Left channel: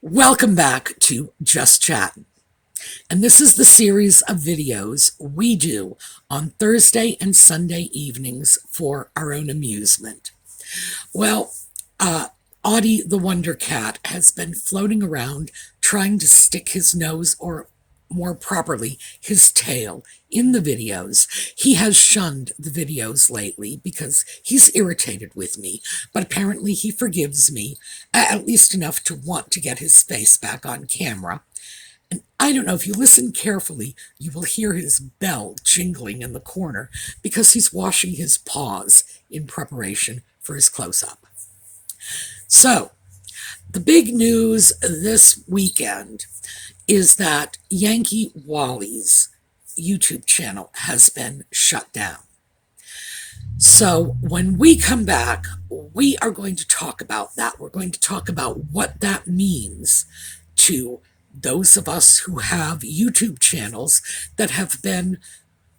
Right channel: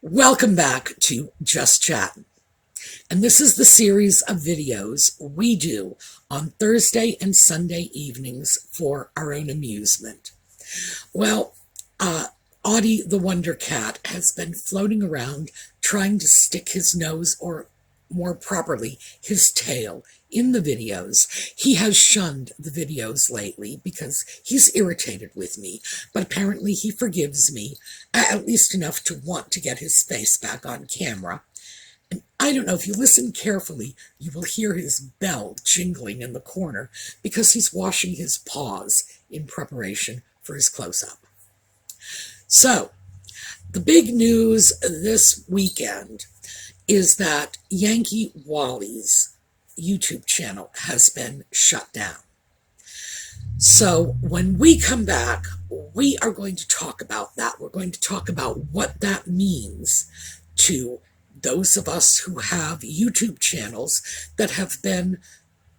Welcome back to Just Chattin. And this is the series of videos we do on Thursday and Sunday evenings for our own amusement. Well, Audie the Wonder Cat has been floating around trying to stick his nose, or more properly, his tail, in the videos. He has shunned the videos lately because he's irritated with me, but apparently he forgives me, at least enough to want to get his face back on camera. And I don't know, if you listen carefully, you will hear his bell jingling in the corner because he's washing his paws in preparation for his close-up. So, the big news this weekend is that Yankee Wally's YouTube channel has been shut down. So when we come back, we are going to talk about that. We're going to talk about what that means to those of us who have YouTube channels that have been,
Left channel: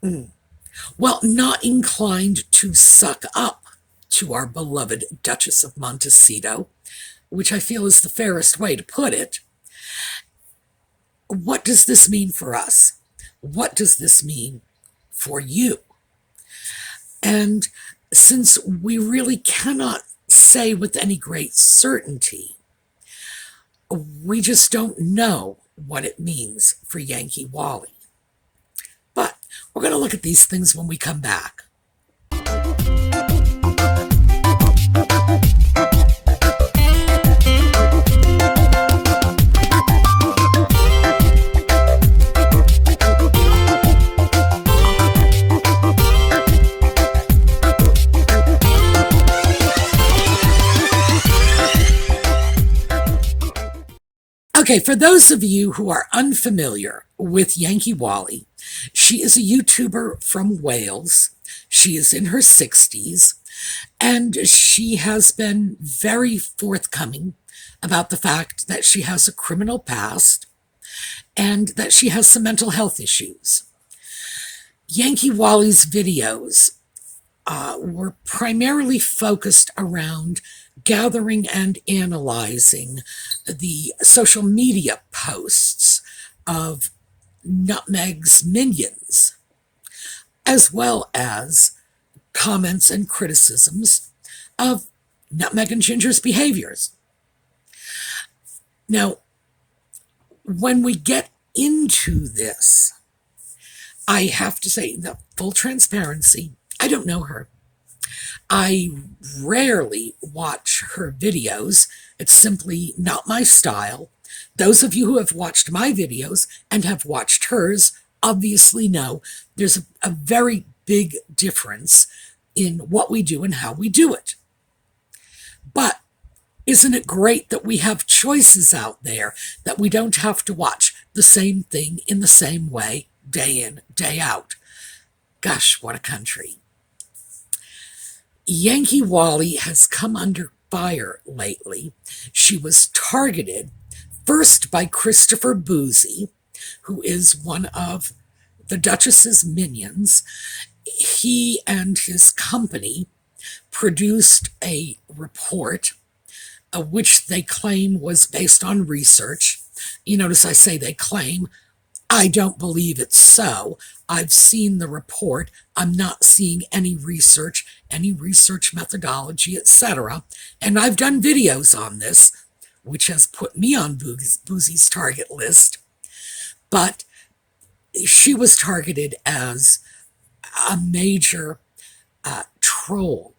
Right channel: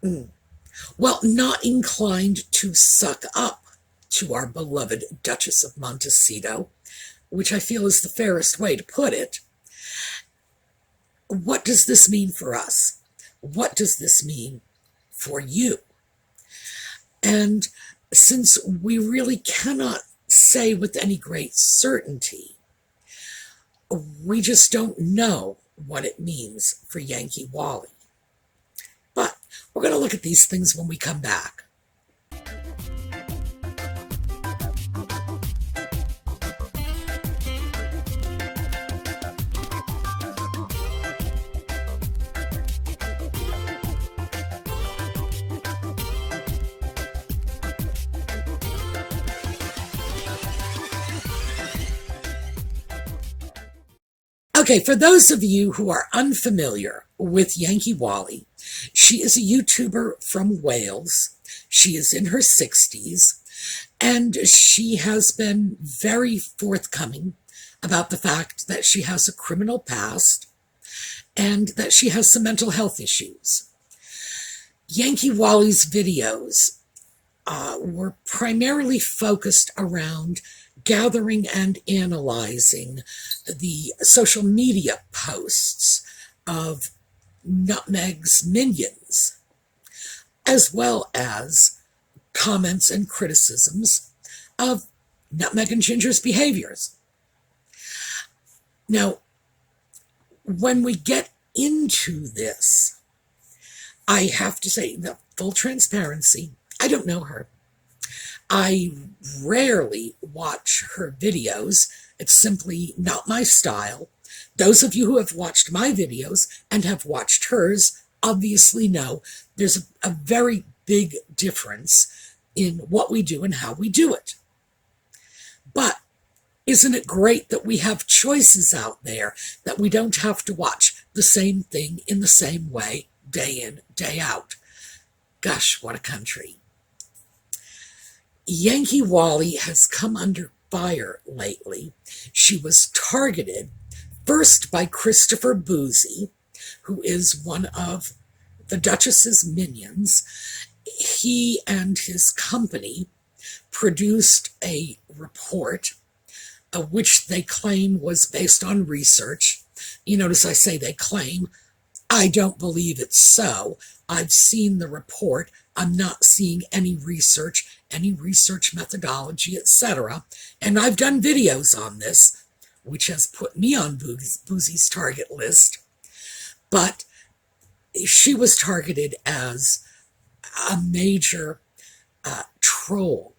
not inclined to suck up to our beloved Duchess of Montecito, which I feel is the fairest way to put it. What does this mean for us? What does this mean for you? And since we really cannot say with any great certainty, we just don't know what it means for Yankee Wally. But we're going to look at these things when we come back. Okay, for those of you who are unfamiliar with Yankee Wally, she is a YouTuber from Wales. She is in her 60s, and she has been very forthcoming about the fact that she has a criminal past and that she has some mental health issues. Yankee Wally's videos were primarily focused around gathering and analyzing the social media posts of Nutmeg's minions, as well as comments and criticisms of Nutmeg and Ginger's behaviors. Now, when we get into this, I have to say, the full transparency, I don't know her. I rarely watch her videos. It's simply not my style. Those of you who have watched my videos and have watched hers obviously know there's a very big difference in what we do and how we do it. But isn't it great that we have choices out there, that we don't have to watch the same thing in the same way day in, day out? Gosh, what a country. Yankee Wally has come under fire lately. She was targeted first by Christopher Boozy, who is one of the Duchess's minions. He and his company produced a report, which they claim was based on research. You notice I say they claim. I don't believe it's so. I've seen the report. I'm not seeing any research methodology, etc. And I've done videos on this, which has put me on Boozy's target list. But she was targeted as a major troll.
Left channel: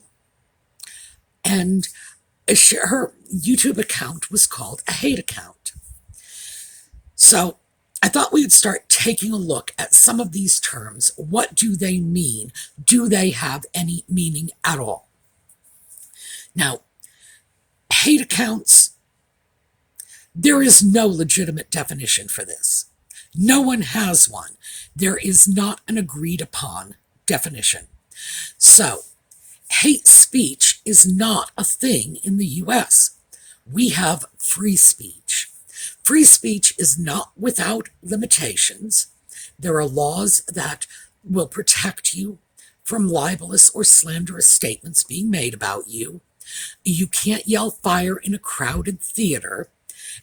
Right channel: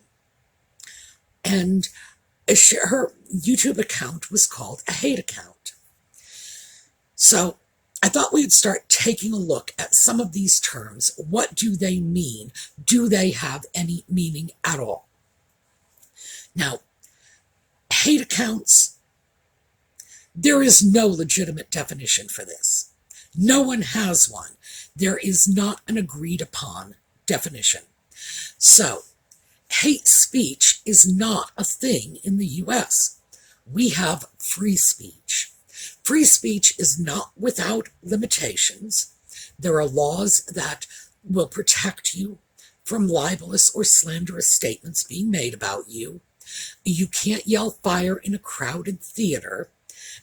And her YouTube account was called a hate account. So I thought we'd start taking a look at some of these terms. What do they mean? Do they have any meaning at all? Now, hate accounts, there is no legitimate definition for this. No one has one. There is not an agreed upon definition. So, hate speech is not a thing in the US. We have free speech. Free speech is not without limitations. There are laws that will protect you from libelous or slanderous statements being made about you. You can't yell fire in a crowded theater.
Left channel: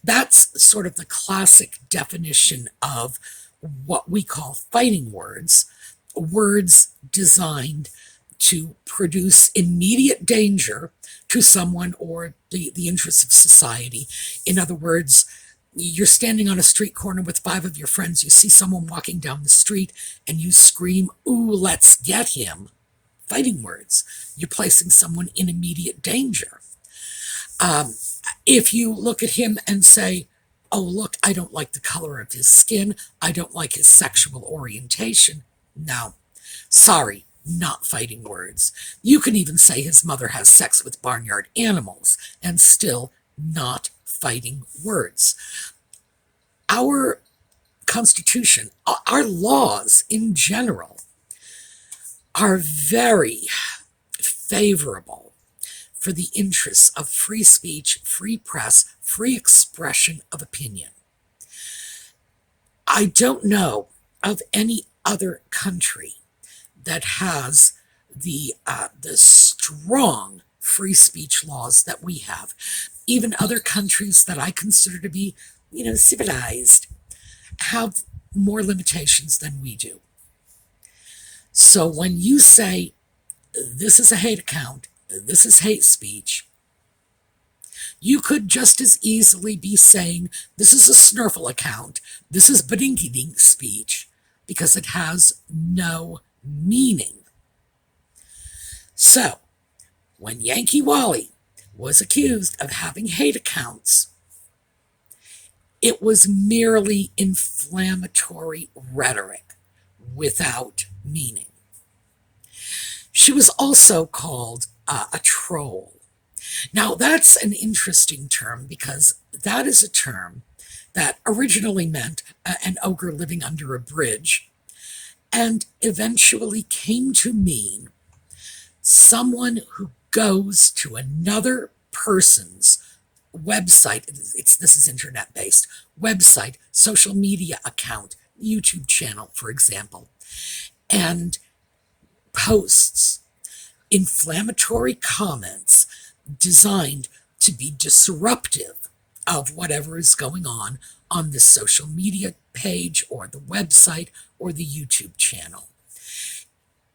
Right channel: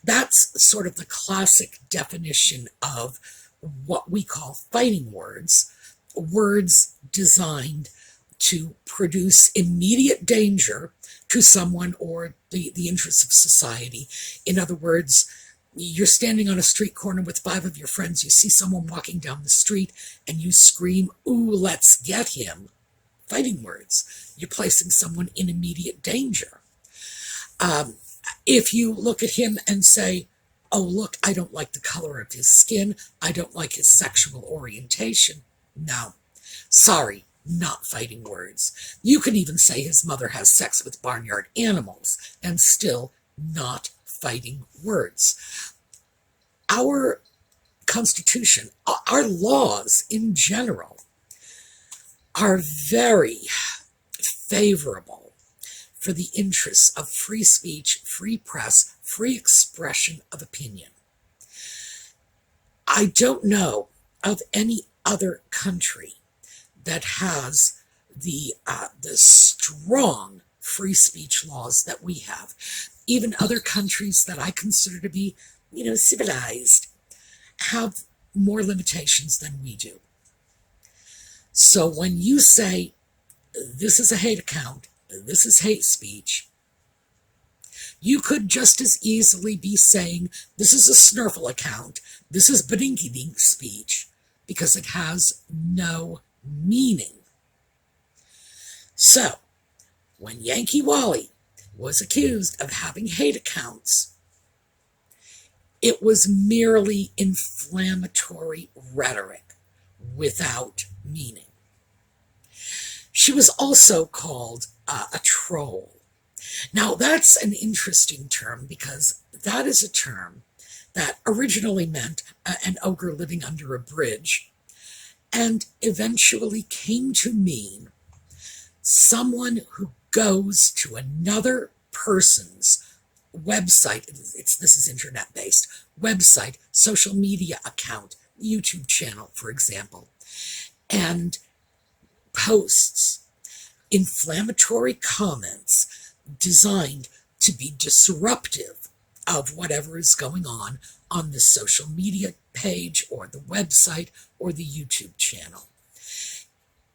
That's sort of the classic definition of what we call fighting words, words designed to produce immediate danger to someone or the interests of society. In other words, you're standing on a street corner with 5 of your friends, you see someone walking down the street, and you scream, "Ooh, let's get him." Fighting words. You're placing someone in immediate danger. If you look at him and say, "Oh, look, I don't like the color of his skin, I don't like his sexual orientation," no, sorry, not fighting words. You can even say his mother has sex with barnyard animals, and still not fighting words. Our Constitution, our laws in general, are very favorable for the interests of free speech, free press, free expression of opinion. I don't know of any other country that has the strong free speech laws that we have. Even other countries that I consider to be, civilized, have more limitations than we do. So when you say, this is a hate account, this is hate speech, you could just as easily be saying, this is a snurfle account, this is badinky-dink speech, because it has no meaning. So, when Yankee Wally was accused of having hate accounts, it was merely inflammatory rhetoric without meaning. She was also called a troll. Now, that's an interesting term because that is a term that originally meant an ogre living under a bridge and eventually came to mean someone who goes to another person's website, this is internet-based, website, social media account, YouTube channel, for example, and posts inflammatory comments designed to be disruptive of whatever is going on this social media page or the website or the YouTube channel.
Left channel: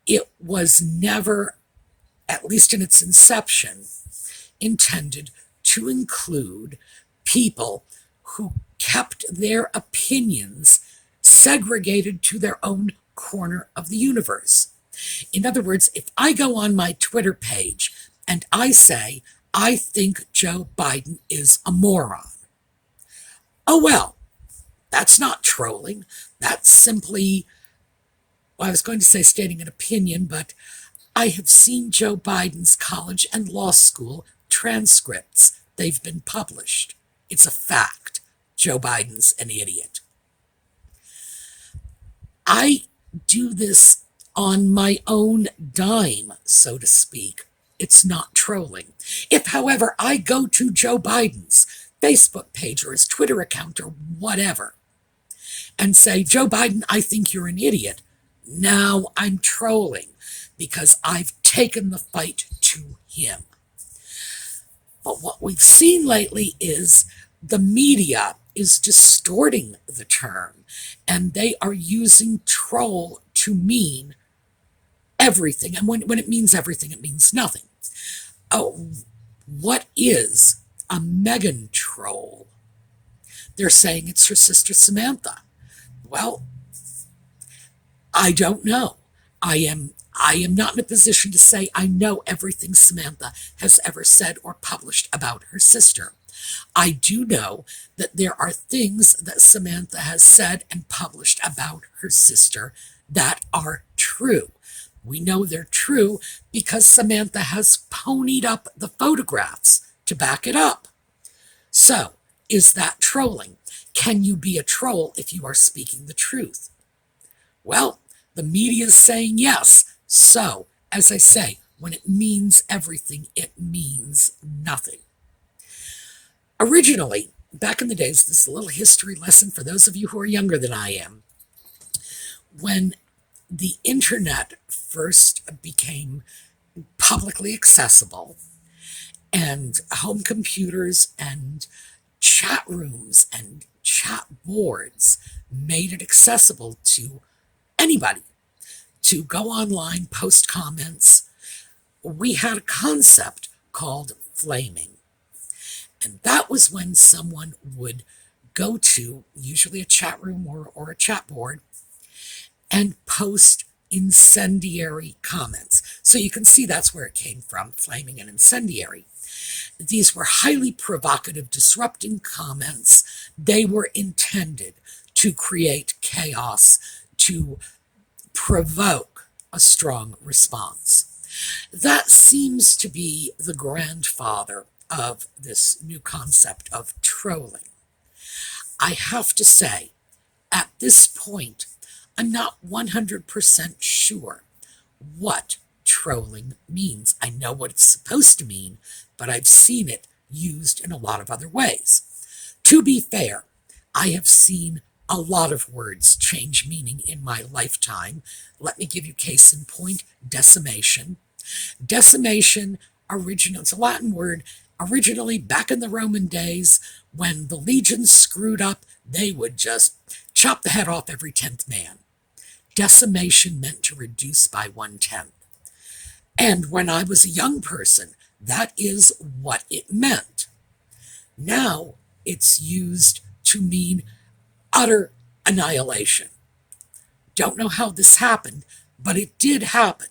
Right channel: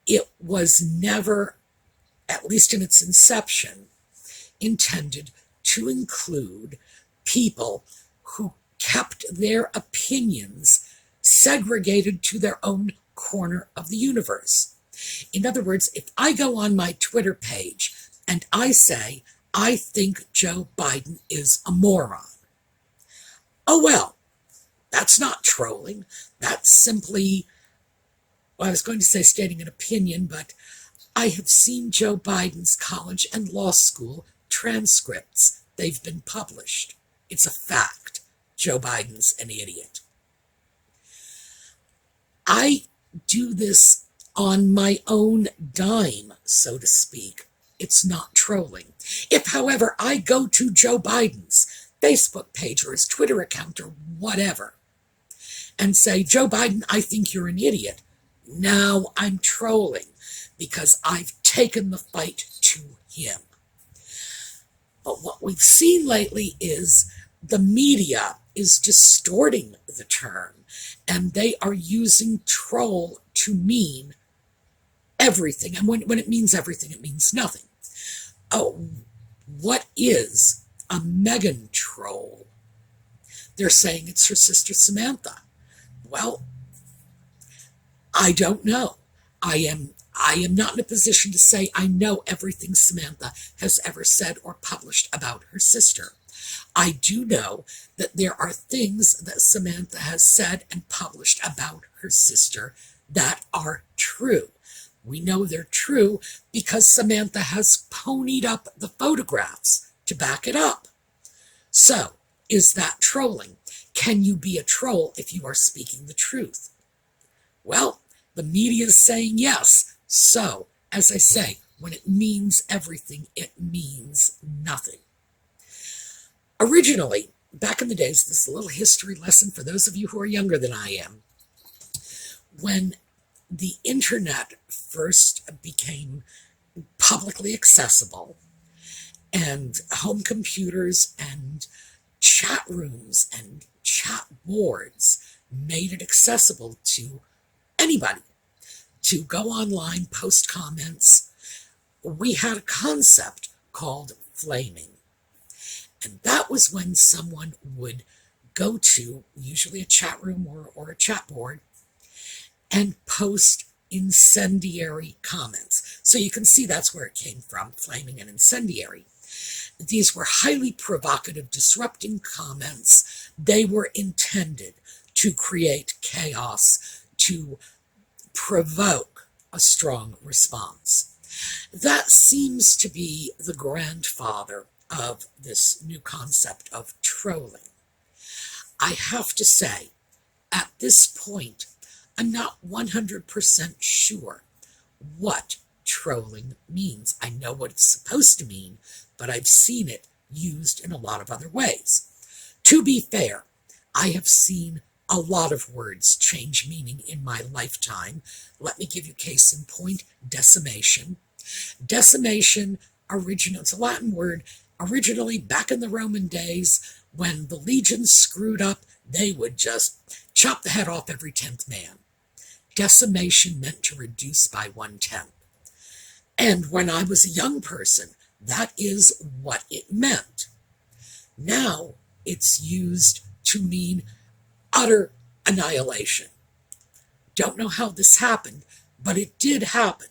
It was never, at least in its inception, intended to include people who kept their opinions segregated to their own corner of the universe. In other words, if I go on my Twitter page and I say, I think Joe Biden is a moron, oh well, that's not trolling. That's simply, well, I was going to say stating an opinion, but I have seen Joe Biden's college and law school transcripts. They've been published. It's a fact. Joe Biden's an idiot. I do this on my own dime, so to speak. It's not trolling. If, however, I go to Joe Biden's Facebook page or his Twitter account or whatever and say, Joe Biden, I think you're an idiot, now I'm trolling because I've taken the fight to him. But what we've seen lately is the media is distorting the term, and they are using troll to mean everything. And when it means everything, it means nothing. Oh, what is a Meghan troll? They're saying it's her sister Samantha. Well, I don't know. I am not in a position to say I know everything Samantha has ever said or published about her sister. I do know that there are things that Samantha has said and published about her sister that are true. We know they're true because Samantha has ponied up the photographs to back it up. So, is that trolling? Can you be a troll if you are speaking the truth? Well, the media is saying yes. So, as I say, when it means everything, it means nothing. Originally, back in the days, this is a little history lesson for those of you who are younger than I am. When the internet first became publicly accessible and home computers and chat rooms and chat boards made it accessible to anybody to go online, post comments. We had a concept called flaming. And that was when someone would go to usually a chat room or a chat board and post incendiary comments. So you can see that's where it came from, flaming and incendiary. These were highly provocative, disrupting comments. They were intended to create chaos, to provoke a strong response. That seems to be the grandfather of this new concept of trolling. I have to say, at this point, I'm not 100% sure what trolling means. I know what it's supposed to mean, but I've seen it used in a lot of other ways. To be fair, I have seen a lot of words change meaning in my lifetime. Let me give you case in point, decimation. Decimation, it's a Latin word, originally back in the Roman days, when the legions screwed up, they would just chop the head off every 10th man. Decimation meant to reduce by 1/10. And when I was a young person, that is what it meant. Now it's used to mean utter annihilation. Don't know how this happened, but it did happen.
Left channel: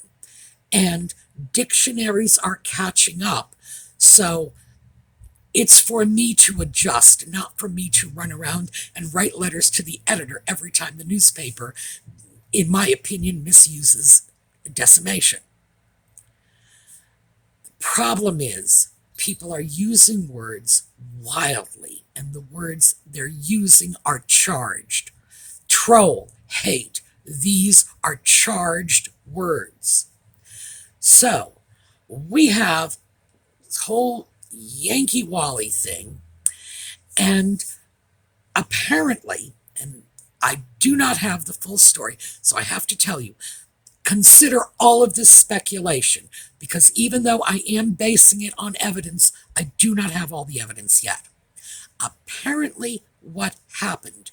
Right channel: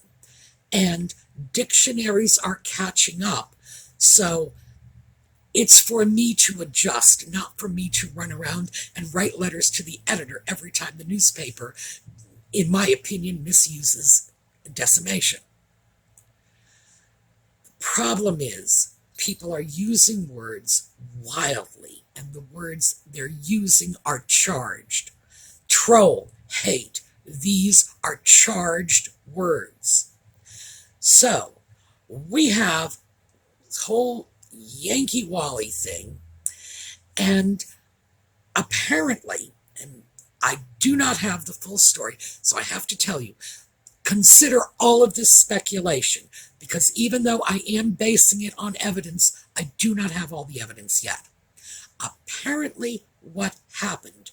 And dictionaries are catching up. So it's for me to adjust, not for me to run around and write letters to the editor every time the newspaper, in my opinion, misuses decimation. The problem is people are using words wildly, and the words they're using are charged. Troll, hate, these are charged words. So we have this whole Yankee Wally thing, and apparently, and I do not have the full story, so I have to tell you, consider all of this speculation, because even though I am basing it on evidence, I do not have all the evidence yet. Apparently, what happened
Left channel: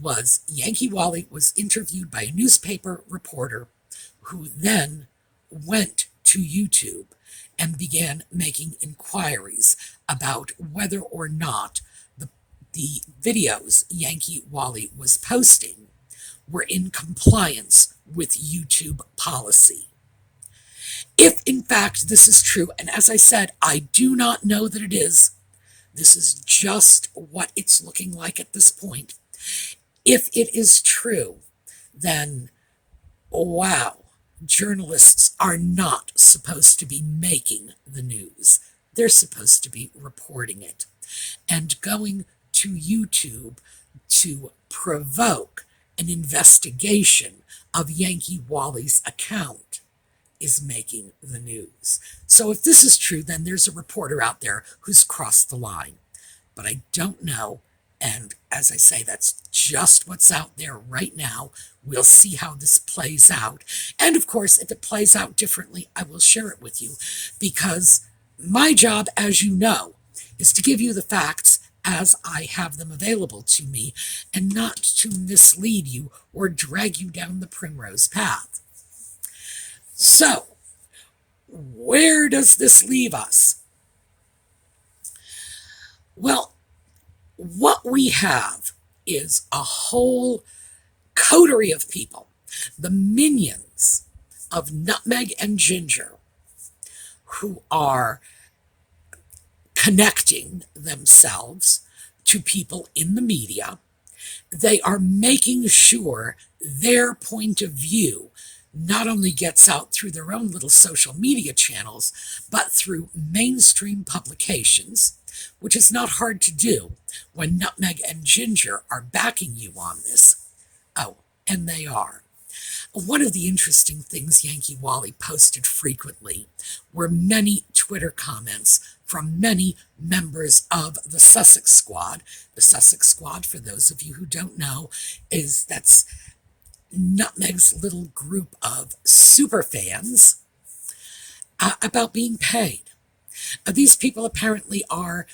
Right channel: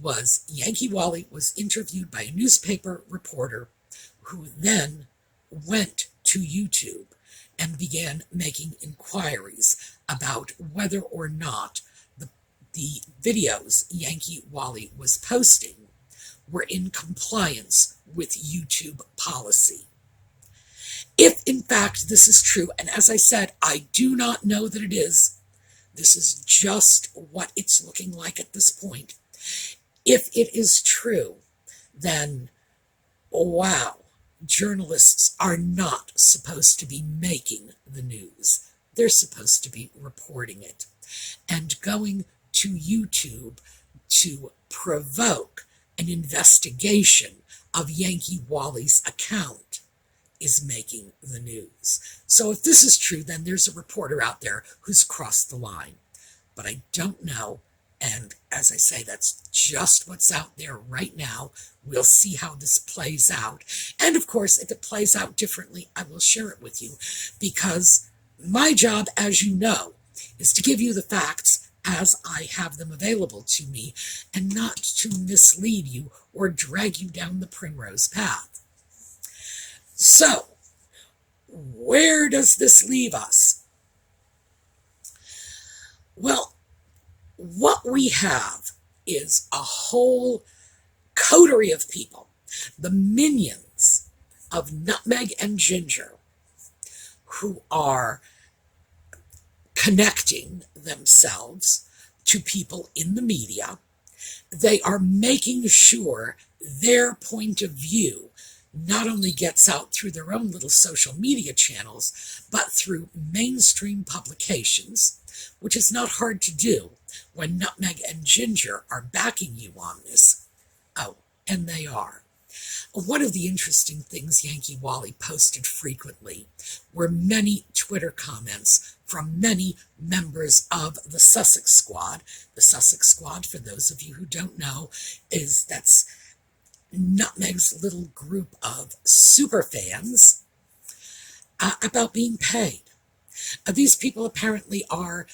was Yankee Wally was interviewed by a newspaper reporter who then went to YouTube and began making inquiries about whether or not the videos Yankee Wally was posting were in compliance with YouTube policy. If in fact this is true, and as I said, I do not know that it is, this is just what it's looking like at this point. If it is true, then wow, journalists are not supposed to be making the news. They're supposed to be reporting it. And going to YouTube to provoke an investigation of Yankee Wally's account is making the news. So if this is true, then there's a reporter out there who's crossed the line. But I don't know. And as I say, that's just what's out there right now. We'll see how this plays out. And of course, if it plays out differently, I will share it with you, because my job, as you know, is to give you the facts as I have them available to me, and not to mislead you or drag you down the primrose path. So, where does this leave us? Well, what we have is a whole coterie of people, the minions of Nutmeg and Ginger, who are connecting themselves to people in the media. They are making sure their point of view not only gets out through their own little social media channels, but through mainstream publications, which is not hard to do when Nutmeg and Ginger are backing you on this. Oh, and they are. One of the interesting things Yankee Wally posted frequently were many Twitter comments from many members of the Sussex Squad. The Sussex Squad, for those of you who don't know, that's Nutmeg's little group of super fans about being paid. These people apparently are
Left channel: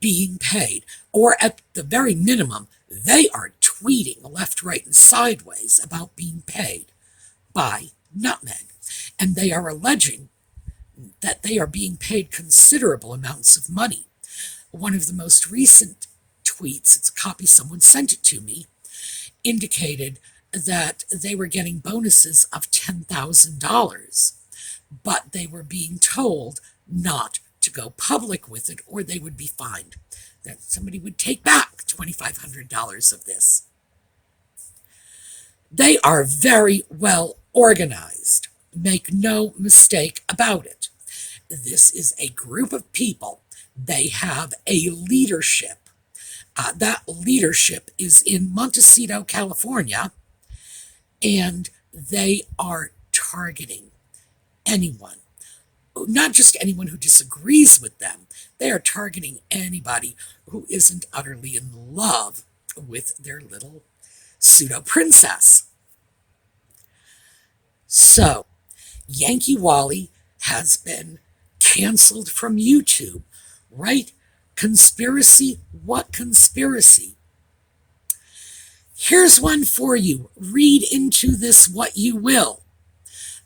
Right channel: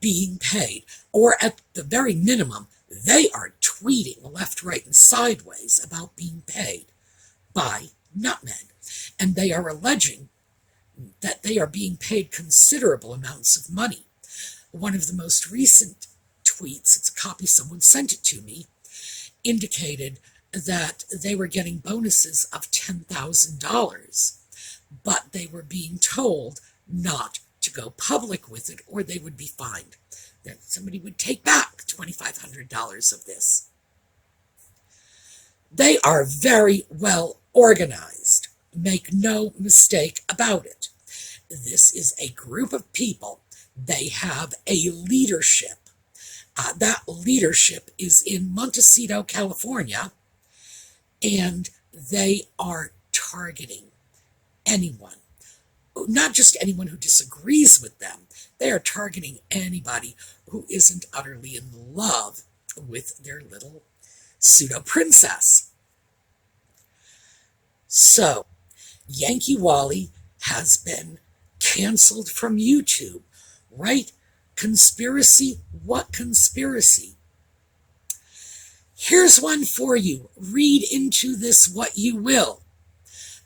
being paid, or at the very minimum, they are tweeting left, right, and sideways about being paid by Nutmeg. And they are alleging that they are being paid considerable amounts of money. One of the most recent tweets, it's a copy, someone sent it to me, indicated that they were getting bonuses of $10,000, but they were being told not to go public with it or they would be fined. That somebody would take back $2,500 of this. They are very well organized. Make no mistake about it. This is a group of people. They have a leadership. That leadership is in Montecito, California, and they are targeting anyone, not just anyone who disagrees with them. They are targeting anybody who isn't utterly in love with their little pseudo princess. So, Yankee Wally has been canceled from YouTube, right? Conspiracy? What conspiracy? Here's one for you. Read into this what you will.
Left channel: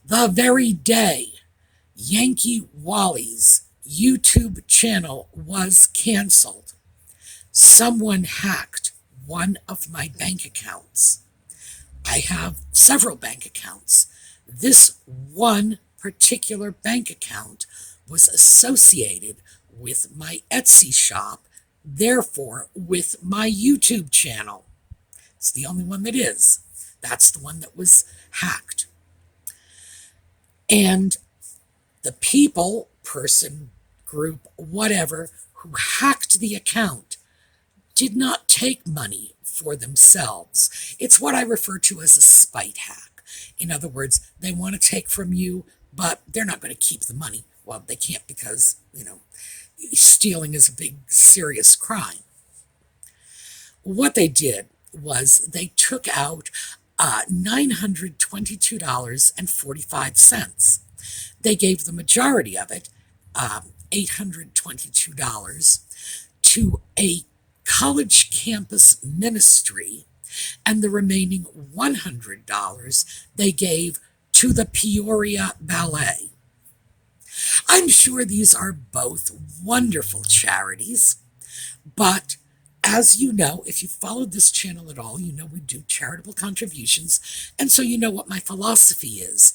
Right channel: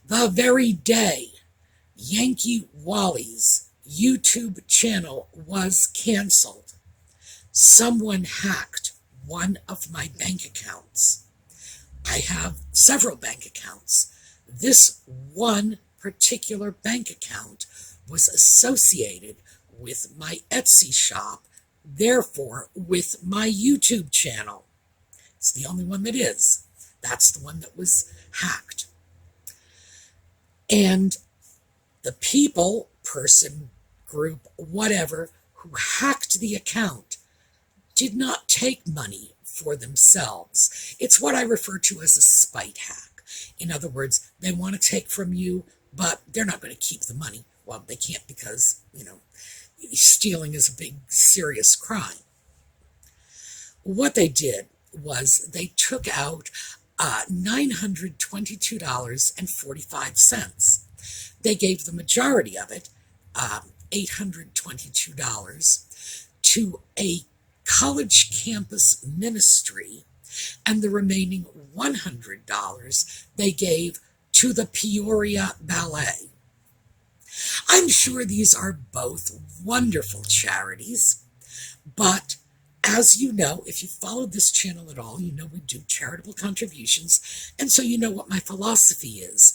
The very day Yankee Wally's YouTube channel was canceled, someone hacked one of my bank accounts. I have several bank accounts. This one particular bank account was associated with my Etsy shop, therefore with my YouTube channel. It's the only one that is. That's the one that was hacked. And the people, person, group, whatever, who hacked the account did not take money for themselves. It's what I refer to as a spite hack. In other words, they want to take from you, but they're not going to keep the money. Well, they can't because, stealing is a big, serious crime. What they did was they took out $922.45. They gave the majority of it, $822, to a college campus ministry, and the remaining $100 they gave to the Peoria Ballet. I'm sure these are both wonderful charities, but as you know, if you followed this channel at all, you know we do charitable contributions, and so you know what my philosophy is.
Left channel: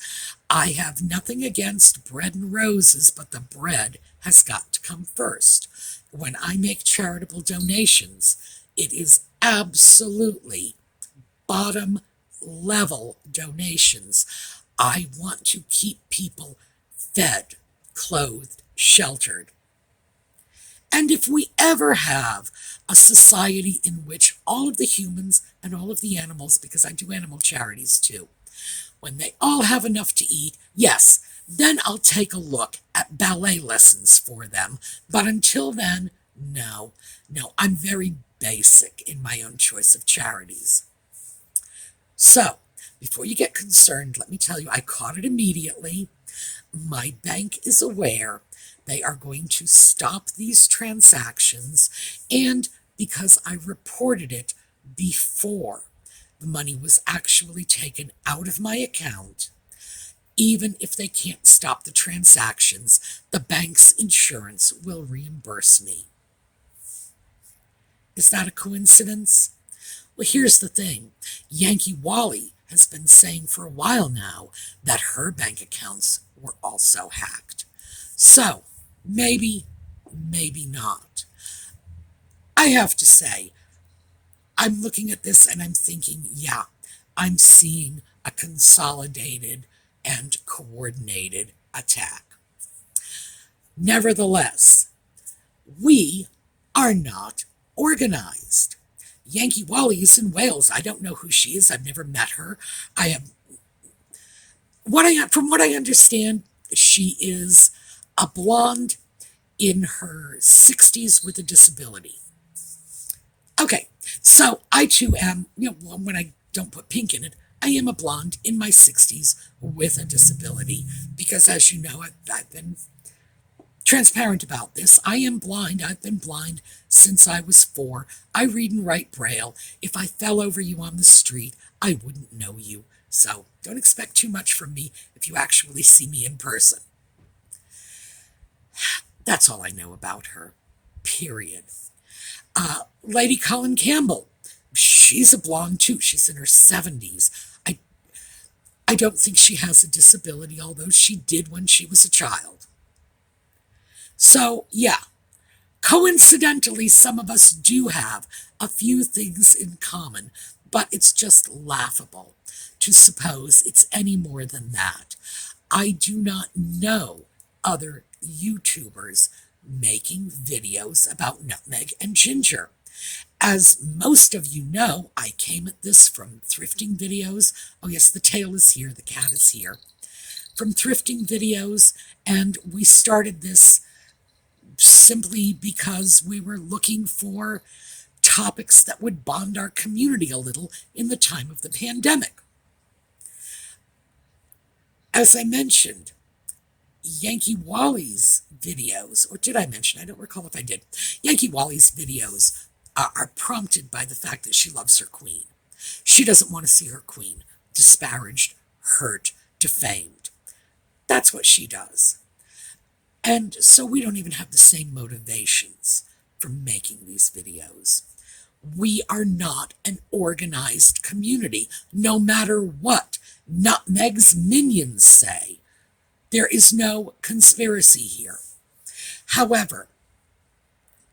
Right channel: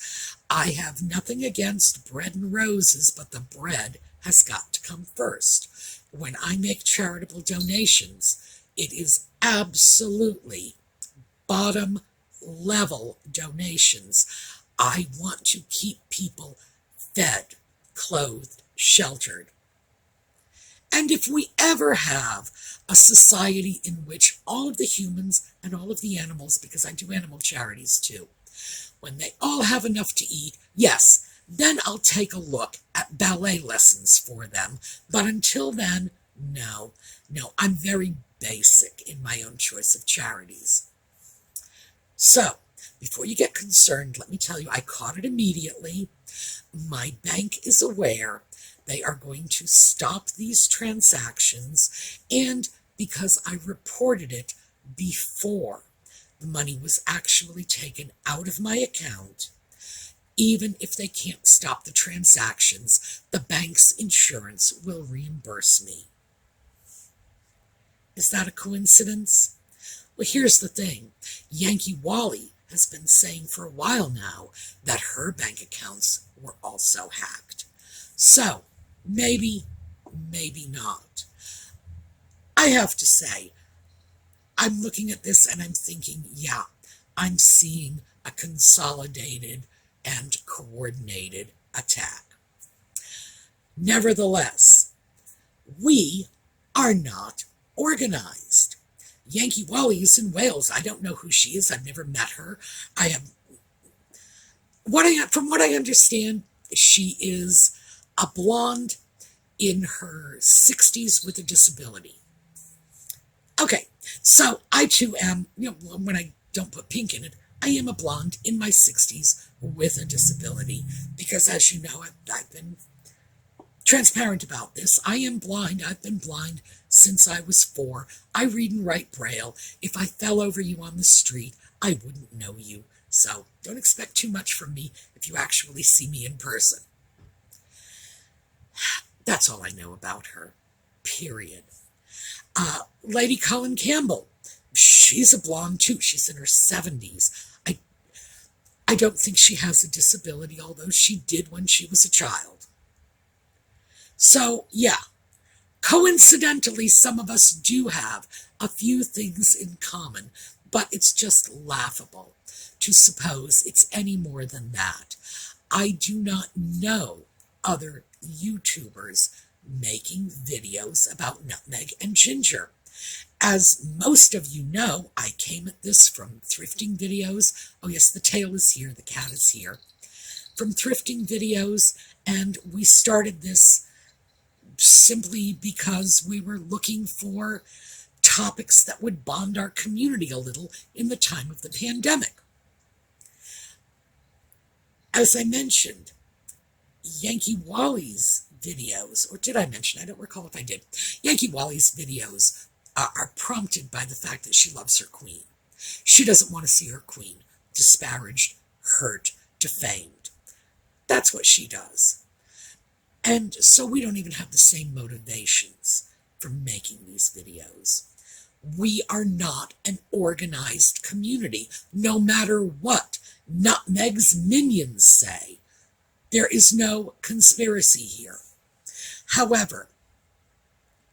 I have nothing against bread and roses, but the bread has got to come first. When I make charitable donations, it is absolutely bottom level donations. I want to keep people fed, clothed, sheltered. And if we ever have a society in which all of the humans and all of the animals, because I do animal charities too, when they all have enough to eat, yes, then I'll take a look at ballet lessons for them. But until then, no, I'm very basic in my own choice of charities. So, before you get concerned, let me tell you, I caught it immediately. My bank is aware. They are going to stop these transactions, and because I reported it before the money was actually taken out of my account, even if they can't stop the transactions, the bank's insurance will reimburse me. Is that a coincidence? Well, here's the thing. Yankee Wally has been saying for a while now that her bank accounts were also hacked. So, maybe not. I have to say, I'm looking at this and I'm thinking, yeah, I'm seeing a consolidated and coordinated attack. Nevertheless, we are not organized. Yankee Wally is in Wales. I don't know who she is. I've never met her. From what I understand, she is a blonde in her 60s with a disability. Okay, so I too am, when I don't put pink in it, I am a blonde in my 60s with a disability because, as you know, I've been transparent about this. I am blind. I've been blind since I was 4. I read and write Braille. If I fell over you on the street, I wouldn't know you. So don't expect too much from me if you actually see me in person. That's all I know about her. Period. Lady Colin Campbell. She's a blonde too. She's in her 70s. I don't think she has a disability, although she did when she was a child. So, yeah, coincidentally, some of us do have a few things in common, but it's just laughable to suppose it's any more than that. I do not know other YouTubers making videos about nutmeg and ginger. As most of you know, I came at this from thrifting videos. Oh yes, the tail is here, the cat is here. From thrifting videos, and we started this simply because we were looking for topics that would bond our community a little in the time of the pandemic. As I mentioned, Yankee Wally's videos, or did I mention? I don't recall if I did. Yankee Wally's videos are prompted by the fact that she loves her queen. She doesn't want to see her queen disparaged, hurt, defamed. That's what she does. And so we don't even have the same motivations for making these videos. We are not an organized community, no matter what Nutmeg's minions say. There is no conspiracy here. However,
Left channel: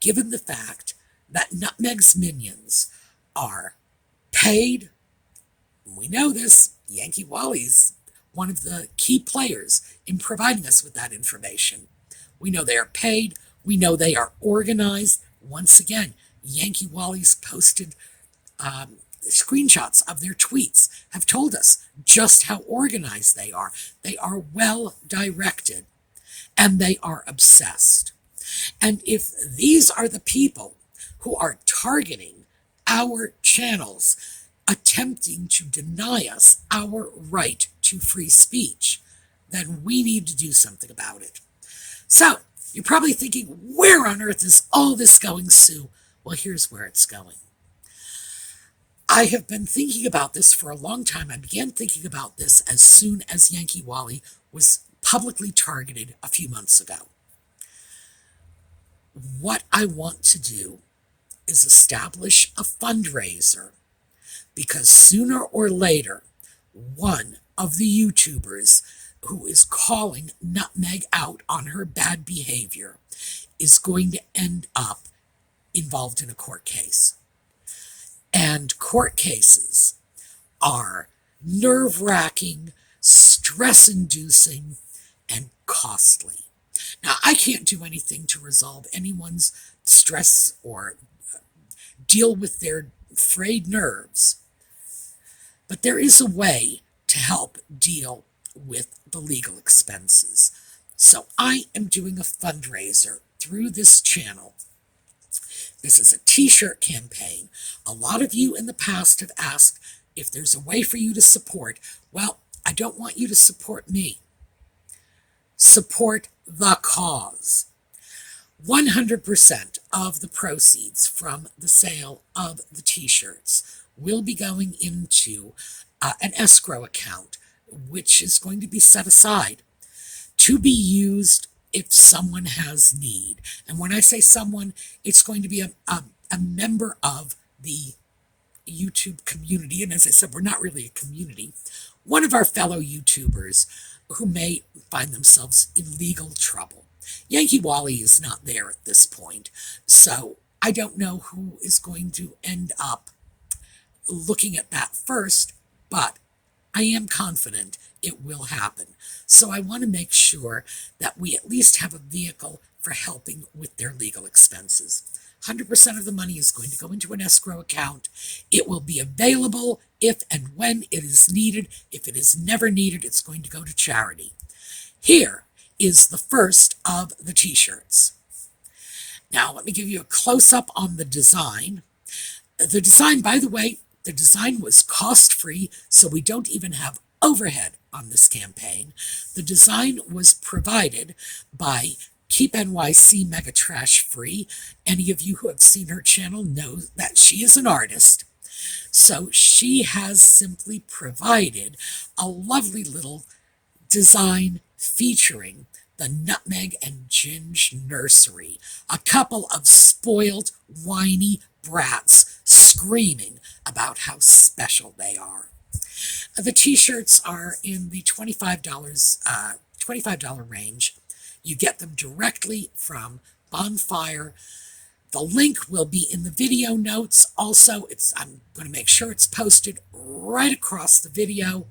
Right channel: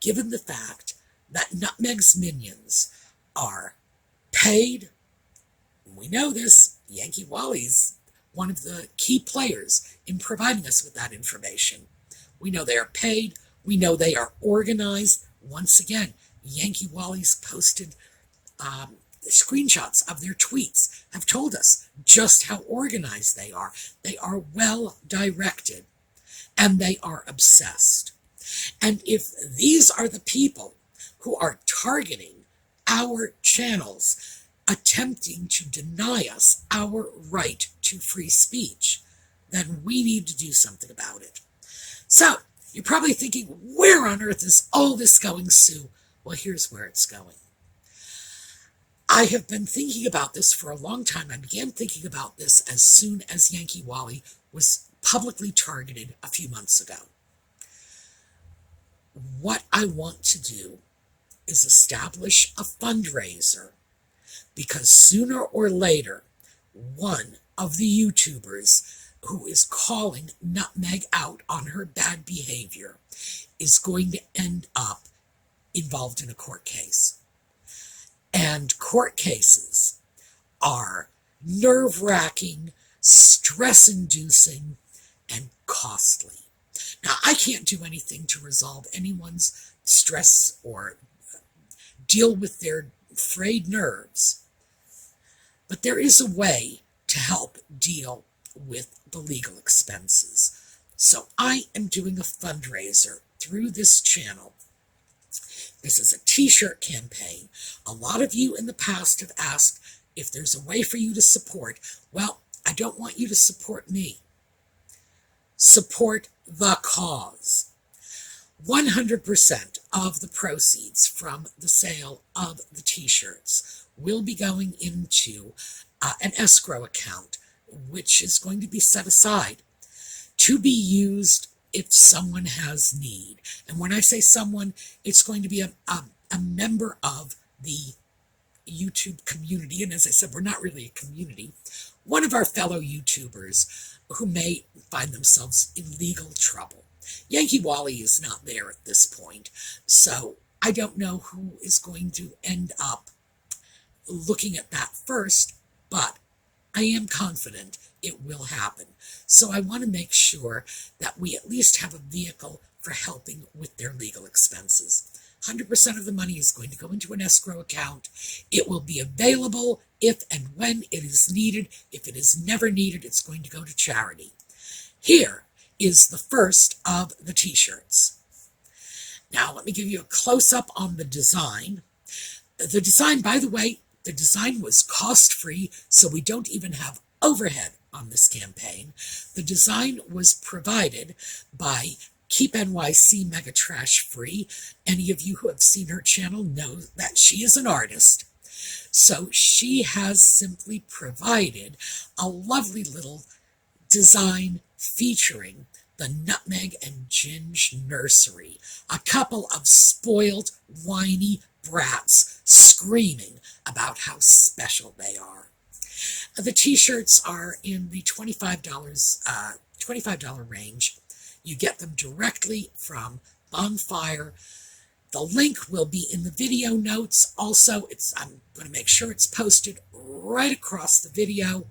given the fact that Nutmeg's minions are paid, we know this, Yankee Wally's one of the key players in providing us with that information. We know they are paid. We know they are organized. Once again, Yankee Wally's posted screenshots of their tweets have told us just how organized they are. They are well directed, and they are obsessed. And if these are the people who are targeting our channels, attempting to deny us our right to free speech, then we need to do something about it. So, you're probably thinking, where on earth is all this going, Sue? Well, here's where it's going. I have been thinking about this for a long time. I began thinking about this as soon as Yankee Wally was publicly targeted a few months ago. What I want to do is establish a fundraiser, because sooner or later, one of the YouTubers who is calling Nutmeg out on her bad behavior is going to end up involved in a court case. And court cases are nerve-wracking, stress-inducing, and costly. Now, I can't do anything to resolve anyone's stress or deal with their frayed nerves, but there is a way to help deal with the legal expenses. So I am doing a fundraiser through this channel. This is a t-shirt campaign. A lot of you in the past have asked if there's a way for you to support. Well, I don't want you to support me. Support the cause. 100% of the proceeds from the sale of the t-shirts will be going into an escrow account, which is going to be set aside to be used if someone has need. And when I say someone, it's going to be a member of the YouTube community. And as I said, we're not really a community. One of our fellow YouTubers who may find themselves in legal trouble. Yankee Wally is not there at this point, so I don't know who is going to end up looking at that first, but I am confident it will happen. So I want to make sure that we at least have a vehicle for helping with their legal expenses. 100% of the money is going to go into an escrow account. It will be available if and when it is needed. If it is never needed, it's going to go to charity. Here is the first of the t-shirts. Now, let me give you a close-up on the design. The design, by the way, the design was cost-free, so we don't even have overhead on this campaign. The design was provided by Keep NYC Mega Trash free. Any of you who have seen her channel know that she is an artist. So she has simply provided a lovely little design featuring the Nutmeg and Ginge Nursery, a couple of spoiled, whiny brats screaming about how special they are. The t-shirts are in the $25 range. You get them directly from Bonfire. The link will be in the video notes. Also, I'm going to make sure it's posted right across the video.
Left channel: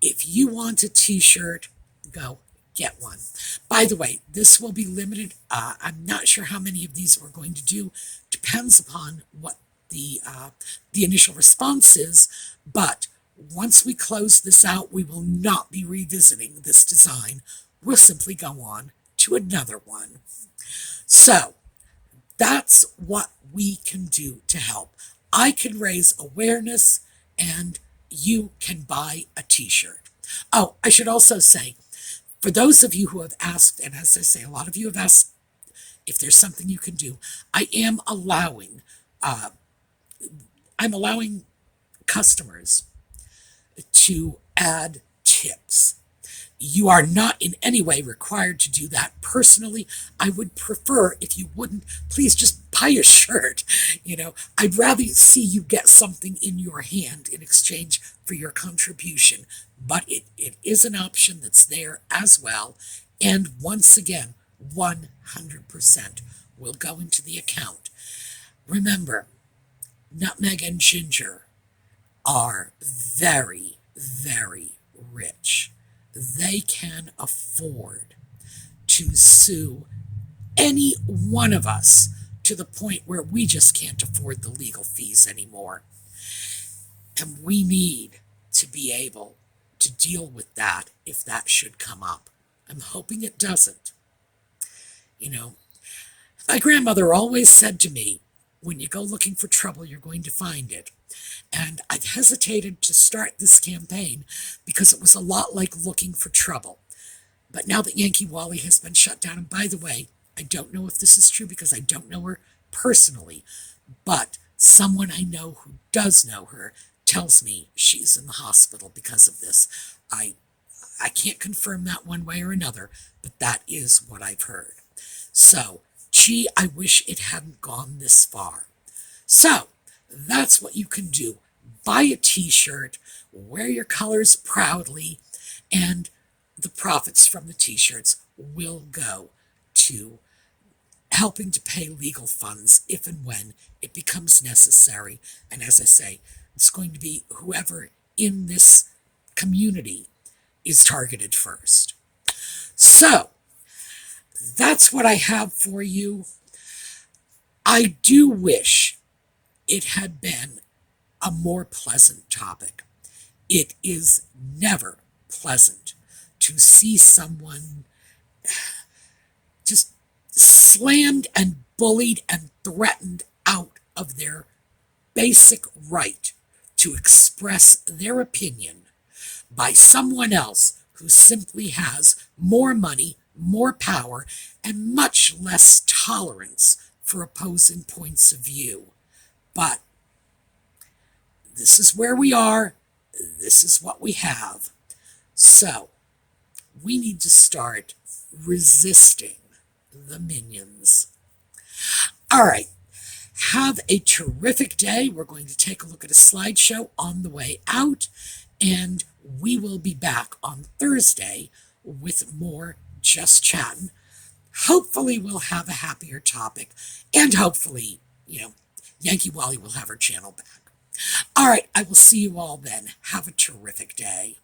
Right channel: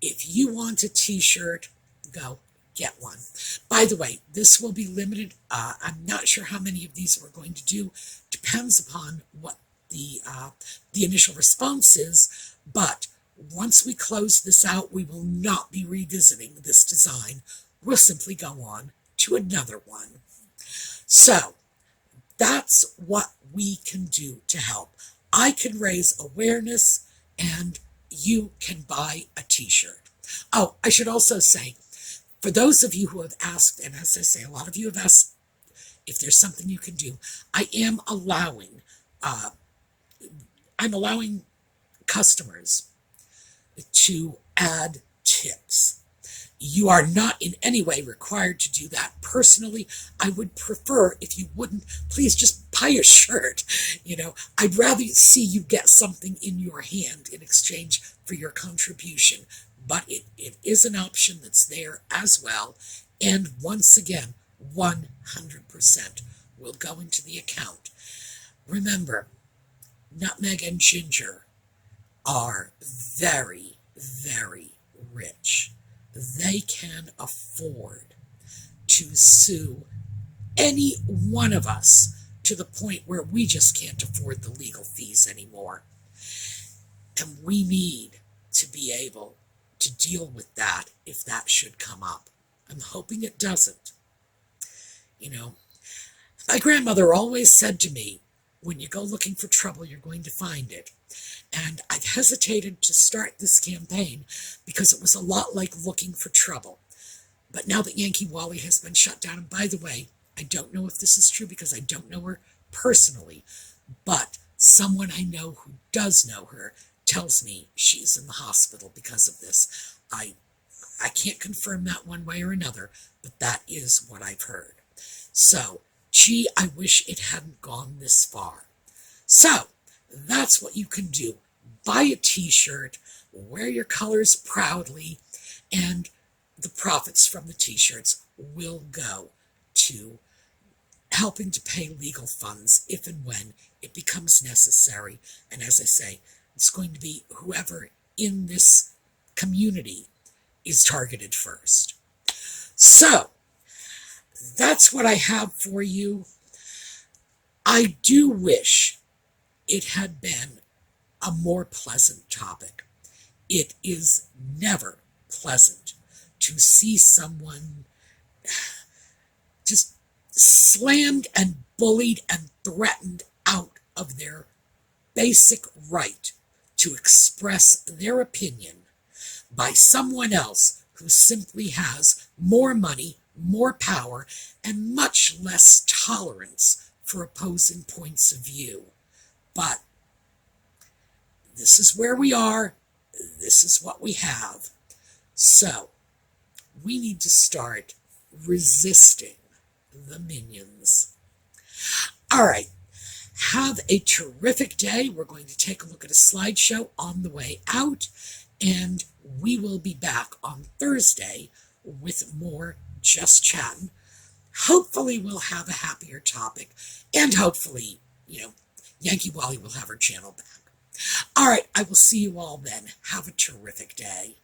If you want a t-shirt, go get one. By the way, this will be limited. I'm not sure how many of these we're going to do. Depends upon what the initial response is. But once we close this out, we will not be revisiting this design. We'll simply go on to another one. So that's what we can do to help. I can raise awareness, and you can buy a t-shirt. Oh, I should also say, for those of you who have asked, and as I say, a lot of you have asked if there's something you can do, I am allowing, I'm allowing customers to add tips. You are not in any way required to do that. Personally, I would prefer if you wouldn't. Please just buy a shirt. I'd rather see you get something in your hand in exchange for your contribution. But it is an option that's there as well. And once again, 100% will go into the account. Remember, Nutmeg and Ginger are very, very rich. They can afford to sue any one of us to the point where we just can't afford the legal fees anymore. And we need to be able to deal with that if that should come up. I'm hoping it doesn't. My grandmother always said to me, when you go looking for trouble, you're going to find it. And I've hesitated to start this campaign because it was a lot like looking for trouble. But now that Yankee Wally has been shut down, and by the way, I don't know if this is true because I don't know her personally, but someone I know who does know her tells me she's in the hospital because of this. I can't confirm that one way or another, but that is what I've heard. So, gee, I wish it hadn't gone this far. So, that's what you can do. Buy a t-shirt, wear your colors proudly, and the profits from the t-shirts will go to helping to pay legal funds if and when it becomes necessary. And as I say, it's going to be whoever in this community is targeted first. So, that's what I have for you. I do wish it had been a more pleasant topic. It is never pleasant to see someone just slammed and bullied and threatened out of their basic right to express their opinion by someone else who simply has more money, more power, and much less tolerance for opposing points of view. But this is where we are. This is what we have. So we need to start resisting the minions. All right. Have a terrific day. We're going to take a look at a slideshow on the way out, and we will be back on Thursday with more Just Chattin'. Hopefully we'll have a happier topic, and hopefully, Yankee Wally will have her channel back. All right, I will see you all then. Have a terrific day.